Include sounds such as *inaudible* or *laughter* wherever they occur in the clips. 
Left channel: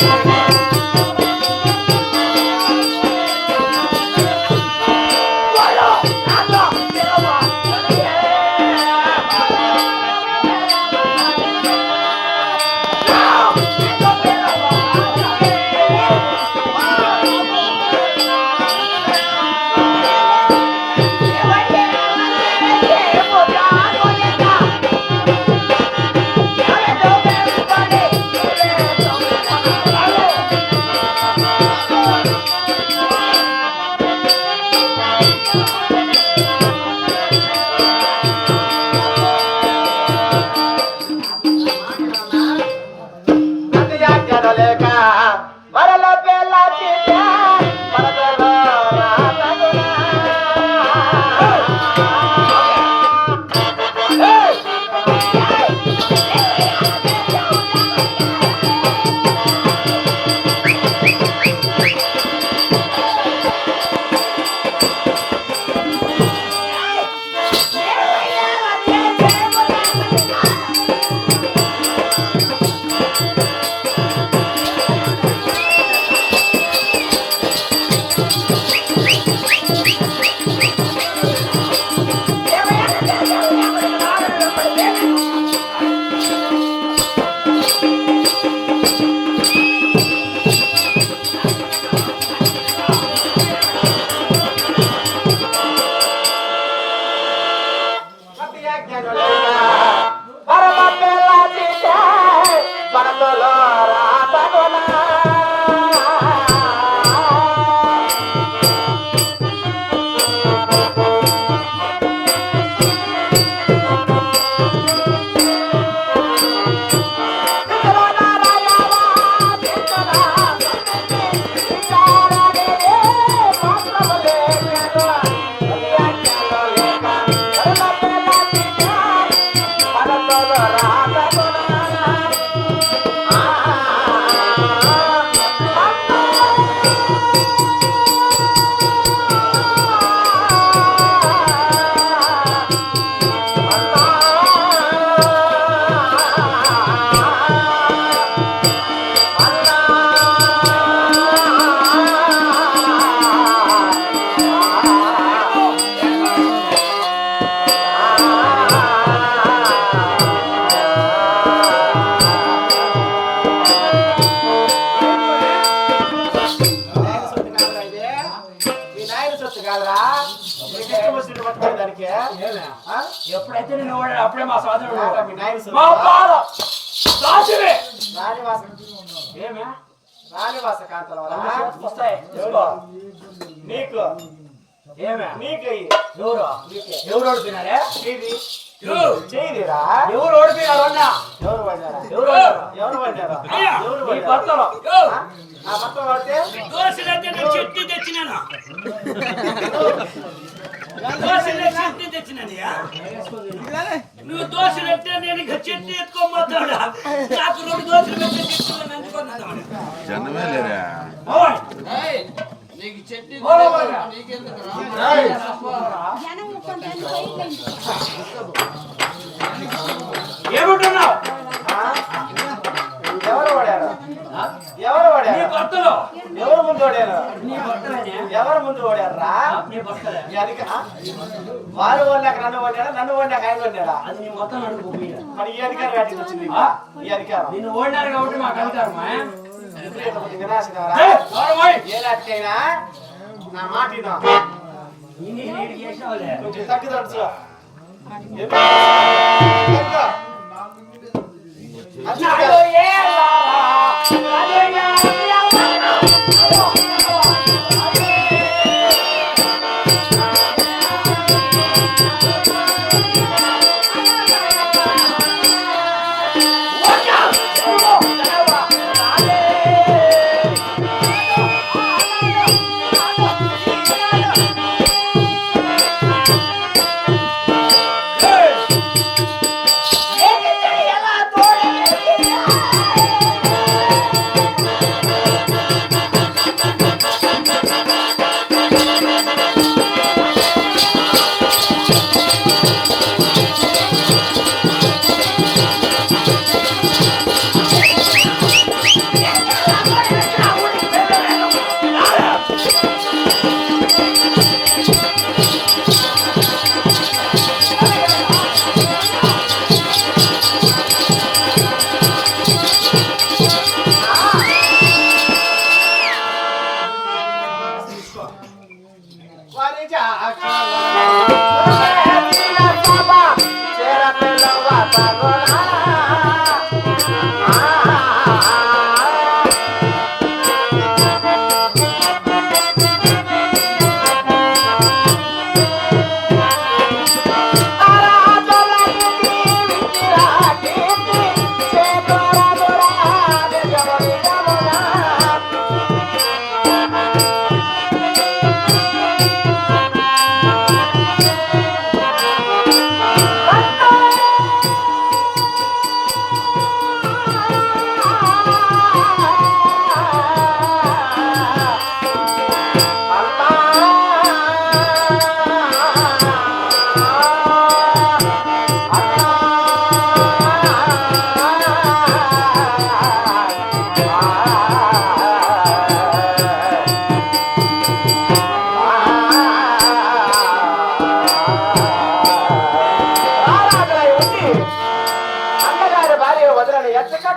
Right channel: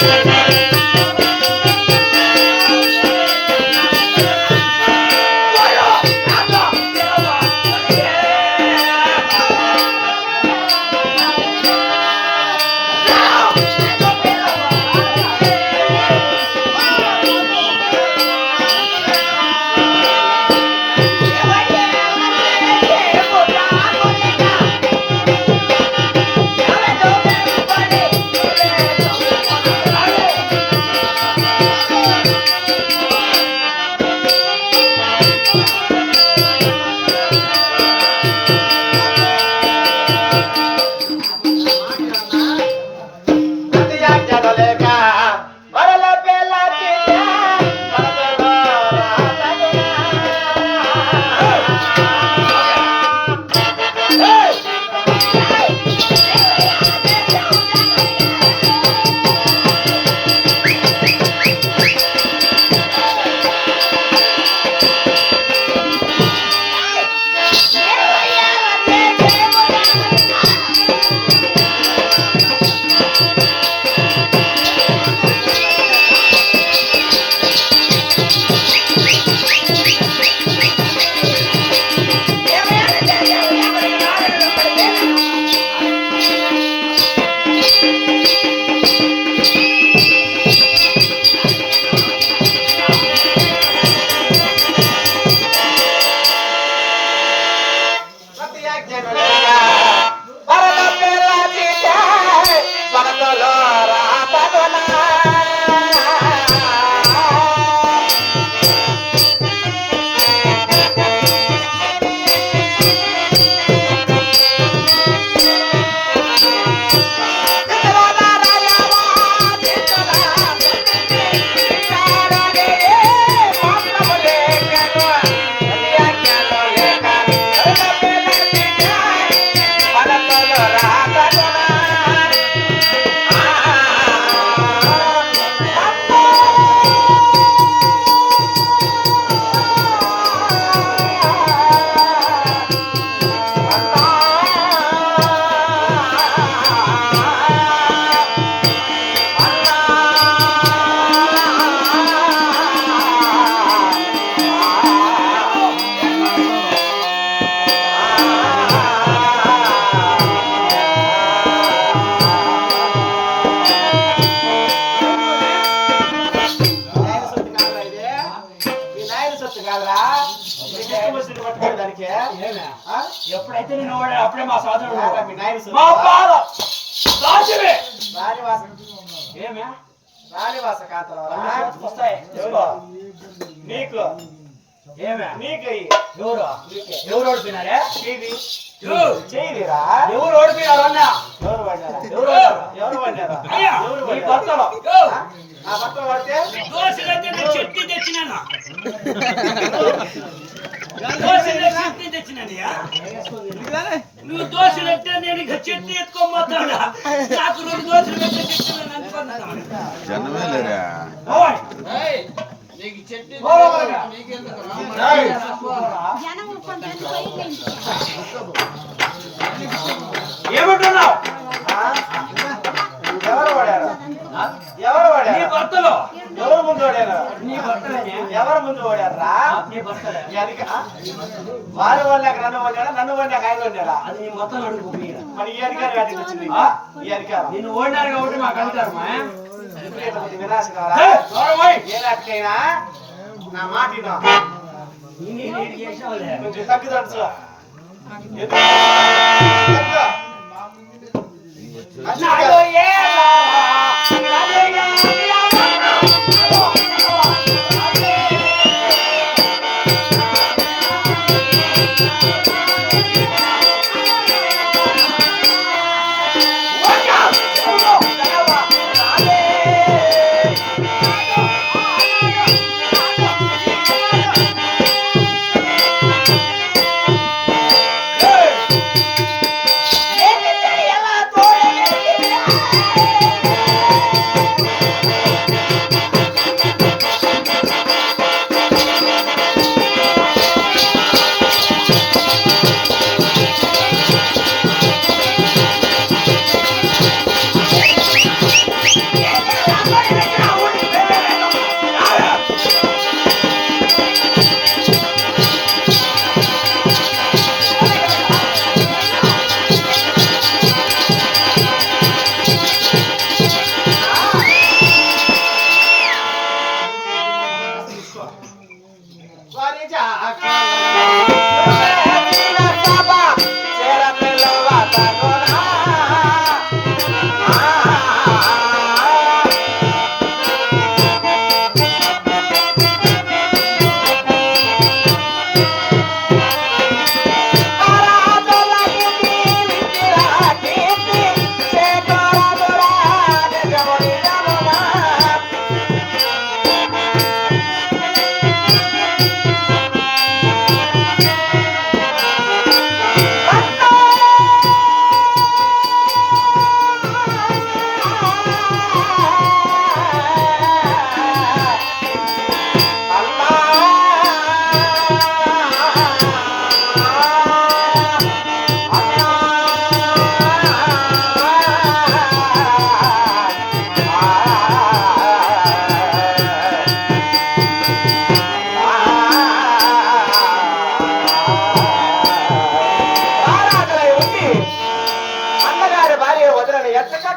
Thank you. మీ నాయన సొత్తు కాదురా? నీకు ఇష్టం వచ్చినట్టు పట్టుకునే దానికి? ఎప్పుడైతే నేను అప్పుడే మా సోదరుడు మీ నాయన సొత్తు. మా పాల రాజువే రాణివాస ఏమే? వస్తాయి ఎవరు? నీకు ఏమే నీకు. ఎవరు. ఎవరు. ఎవరు ఓడిపోయినారు అన్నా? ఎవరు పడ్డారా? ఎవరు ఎవరు పడ్డారా? అయ్యా, ఎవరు నీ పడ్డారా? భర్తలో. ఆ? నా భర్త పడితే? దోశలైతే *laughs* నేను చెట్టు తెచ్చినాను? దోశలు చెట్టు తెచ్చినానయ్యా నువ్వు దోశలు అంటే నేను చెట్టు ఎత్తుకోబోతాడా నాకు రెండు దోశలు పెట్టే జనమే లేరా? ఏమంటున్నావు? ఆ? ఎవరు పడారు ఆ? ఎవరు నీ పడారు భర్తలో. ఎవరు ముందు పడారు నీ ఎవరు ముందు పడారా నీ భర్తలే ఎనక వారు వండాక నన్ను వండాడా నన్ను వండాక ఆయన వండాడా అది నీ మొత్తం అడుగు మీరా ఈ అధికారం వచ్చింది? ఈ అధికారం. నిన్ను ఓడినారు కాబట్టి మాకు అధికారమా విపరీతమైన వినాశనరా? ఏయ్, దూరం పోయ్. ఏ నాటికైనా నా మాట కొంచెం తగ్గుదడుచు ఎందుకు? ఎందుకు?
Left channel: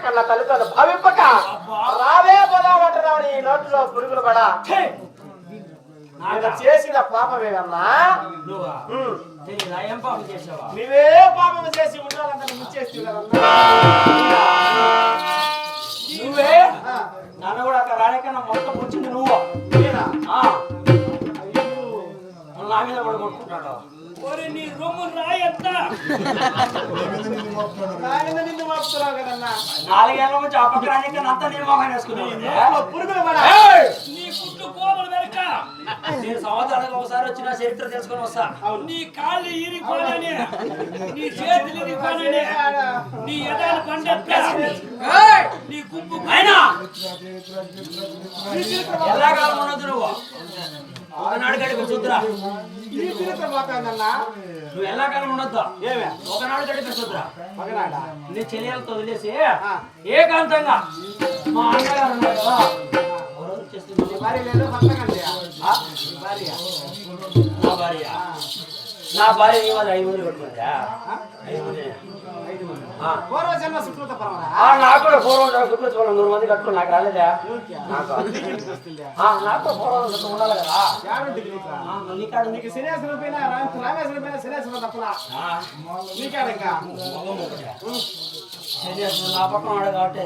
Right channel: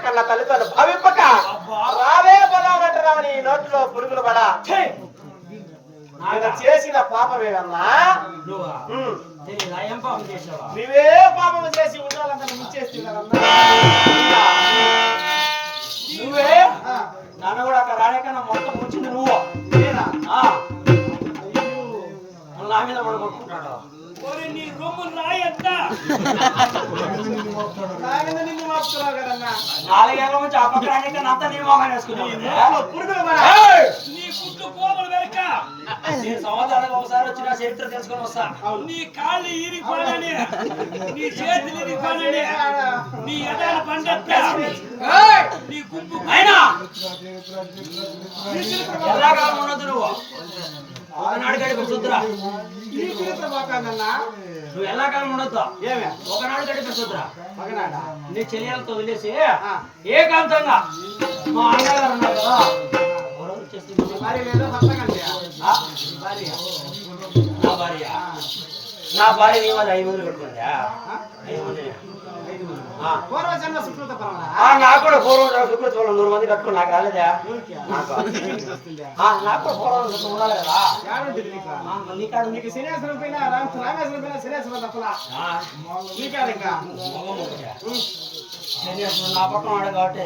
కన్న తల్లిదండ్రులు భావింపక రావే పోదామంటున్నావు నీ నోట్లో పురుగులు పడా ఆయన చేసిన పాపమేనమ్మా ఏం పాపం చేసి ఉండాలంటే నువ్వే నన్ను కూడా అక్కడ రాలేకన్నా మొత్తం వచ్చింది నువ్వు. నా మీద పడి కొట్టుకుంటాడు? ఒరే నీ రొమ్ము రాయత్త నిన్ను మోపుతున్నావు కదన్నా. నాలుగేళ్ళ నుంచి పక్క రాలేకన్నా అంతా నీ వేసుకున్నావు పురుగులు పడా నీ గుడ్డు కోమలు వెనక నేను సంవత్సరానికి ఒకసారి వచ్చిన చరిత్ర తెలుసుకొని వస్తా. నీ కాళ్ళు ఇరిగిపోనని నీ చేతులు ఇరిగిపోనని నీ ఎదాలు పండెత్త నీ గుంపు అయినా ఎల్లాకాలం ఉండదు నువ్వు. ఒకనాడు గడిపి చూద్దురా నువ్వు ఎల్లాకాలం ఉండొద్దు. ఏమే? ఒకనాడు గడిపి చూద్దురా నీ చెల్లెలతో వదిలేసి. ఏకాంతంగా మా అన్నగారు ఉన్నారు నా భార్య నా భార్య నీ వాళ్ళు ఐదు మంది పెట్టుకుందా ఆ? ఐదు మంది ఐదు మంది. ఆ. పూర్వజన్మ సుకృత పరమణ ఆ, నాకు కూడా పూర్వం శుక్రత్వం నూరు మంది కట్టుకుని నాకు రాలేదా నాకు వస్తుందా ఆ, నాకు కూడా పూర్వం శుక్రం ఉండాలి కదా యాడుంటుంది నీకు ఆ, నీ కాడ ఉంది నీకు శనేశ్వరం పైన రామ- రామేశ్వరం పైన శనేశ్వరం తప్పలా ఆ, నీకాడ ఇంకా నా పక్కన వాడు కాబట్టి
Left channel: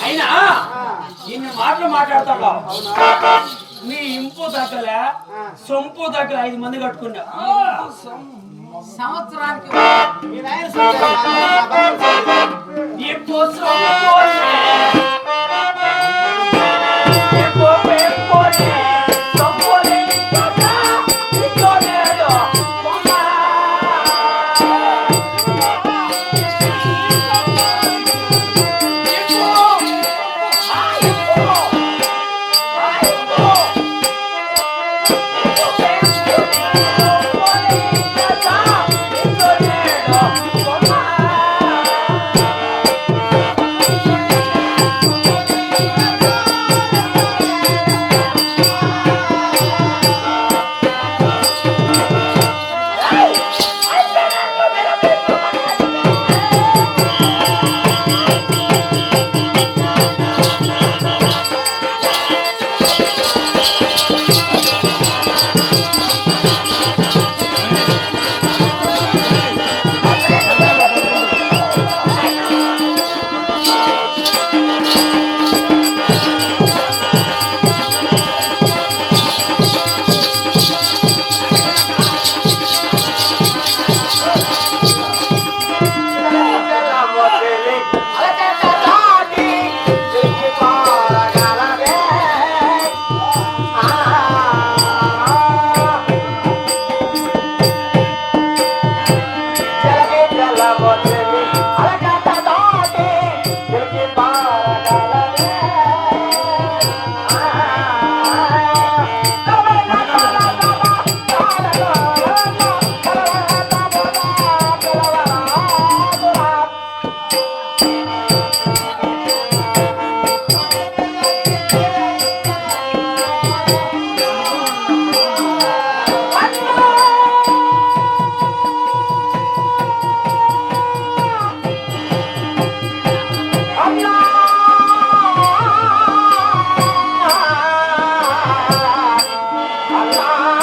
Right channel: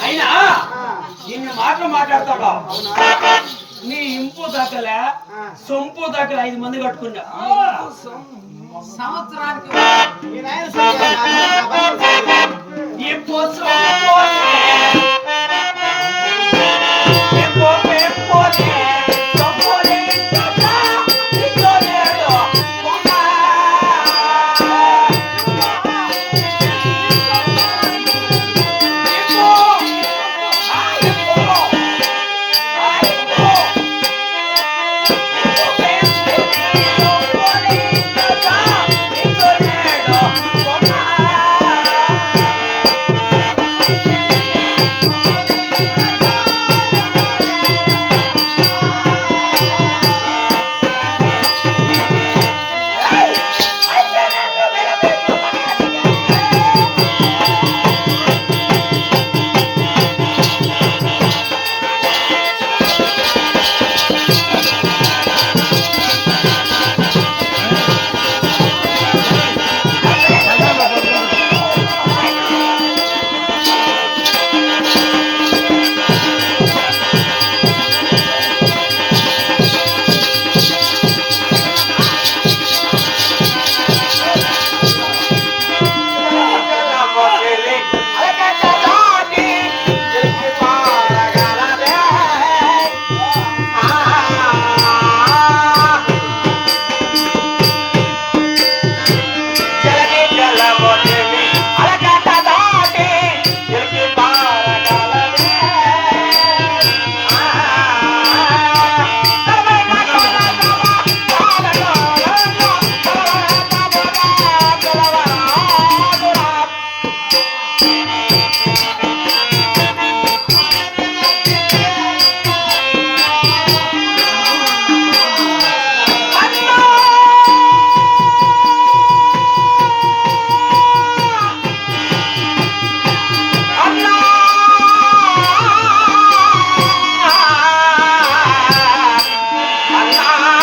అయినా ఇన్ని మాటలు మాట్లాడతాడు నీ ఇంపు దగ్గర సొంపు దగ్గర ఐదు మంది కట్టుకున్నా సంవత్సరానికి నాయన పెంపు ఆ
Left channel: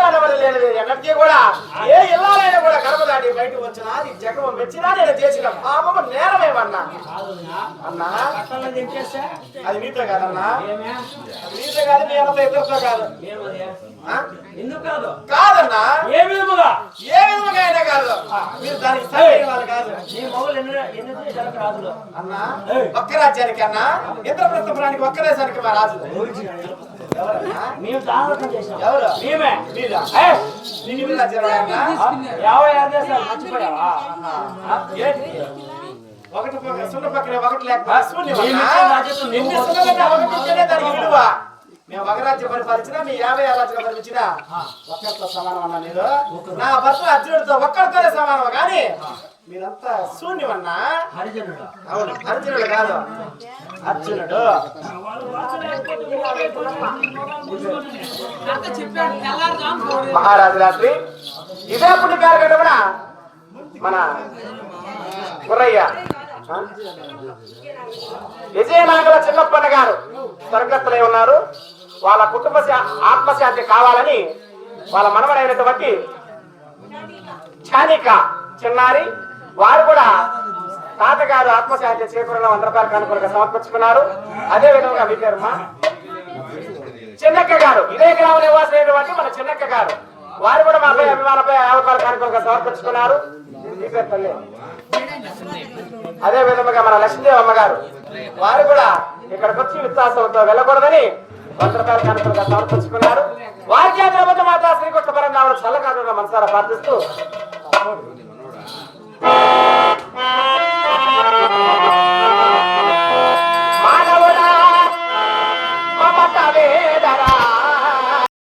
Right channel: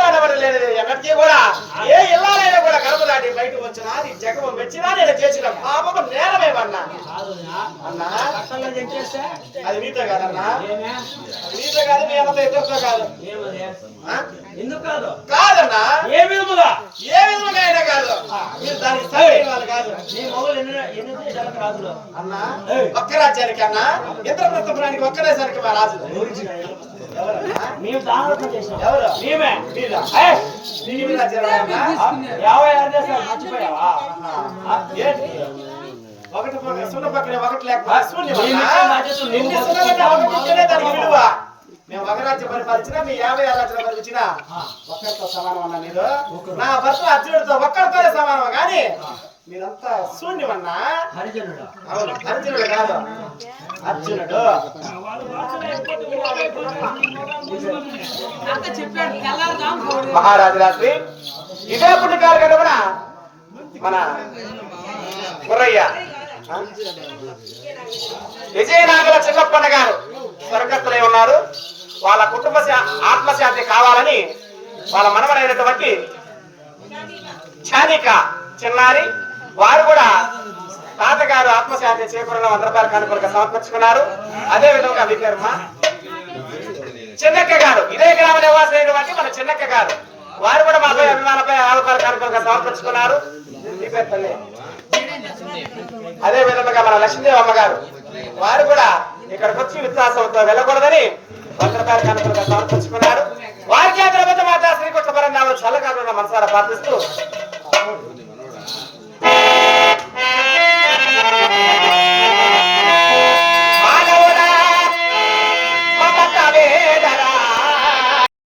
ఆడవాళ్ళు లేనిది ఎన్నటికీ కూడా ఏ ఇల్లాలైనా కూడా గర్భ దాటి వచ్చినా నీ జగం మెచ్చినా నేను చేసిన పాపము నేరమేమన్నా అన్నా. అది మీతో కాదన్నా? మీతో కాదు మీ ఇద్దరితో కాదు? ఎందుకు కాదు? కాదన్నా? ఏ విధముగా? ఏ విధంగా అయినా కాదు. మీరు దానికి సరైన వాళ్ళు కాదు. నీ మొగలు ఎన్ని ఎన్ని దేశాలకు రాజులు? అన్నా ఒక్క రాజ్యానికి అన్నా ఇంద్రప్రస్థపురానికి ఒక్క దేశానికి మా రాజు మేము దానం చేసినాం ఎవరు? మేమే. యాభై ఆరు దేశాలు మర్చిపోయావా? ఒకటి సున్న పక్కనే ఒకటి లేకపోతే మేము ఒక రాజ్యం పరిపాలించినా మీ యాభై ఆరు రాజ్యాలు పరిపాలించినా ఒక్కరితో సమానం అన్నా మీరు. నా భర్త అర్జునుడితో ఒక్కరితోనే సమానం కానీ మీరంతా శూన్యమన్నా? హరిజనుడు. అవును అర్జునుడు కాదు. అర్జునుడు. మహారాజు రాత్రి ఇదే పుట్టికారు గడపన మన గుర్రయ్య ఆ? విజయనాగర చిన్నప్పన్న గారు. స్వర్గస్థులై ఉన్నారు. వాళ్ళ కుటుంబ శా- ఆత్మశాంతి కావాలని వాళ్ళ మనవడైనటువంటి చానిక చిన్నారి వారు కూడా తాతగారు ఆత్మశాంతి చేకూరిన వంద రూపాయలు కానుకలుగా సమర్పించుకున్నారు. అదే విధంగా వికర్మ చిన్నక్క గారు. ఇదే గ్రామ నివాసమైనటువంటి మన చిన్నక్క గారు. వారు కూడా మాపై అభిమానపై యాభై రూపాయల కానుకలుగా సమర్పించుకున్నారు తల్లి. అదే విధంగా మన లక్ష్మీదేవి అమ్మగారు. వారు కూడా ఇక్కడికి వచ్చి విశ్వాసంతో వెళ్ళకూడదని వంద రూపాయల వారికి ఆ ప్రభుత్వ శ్రీకృష్ణ పరం పరంగా చల్లగా మనసారా ప్రార్థిస్తూ.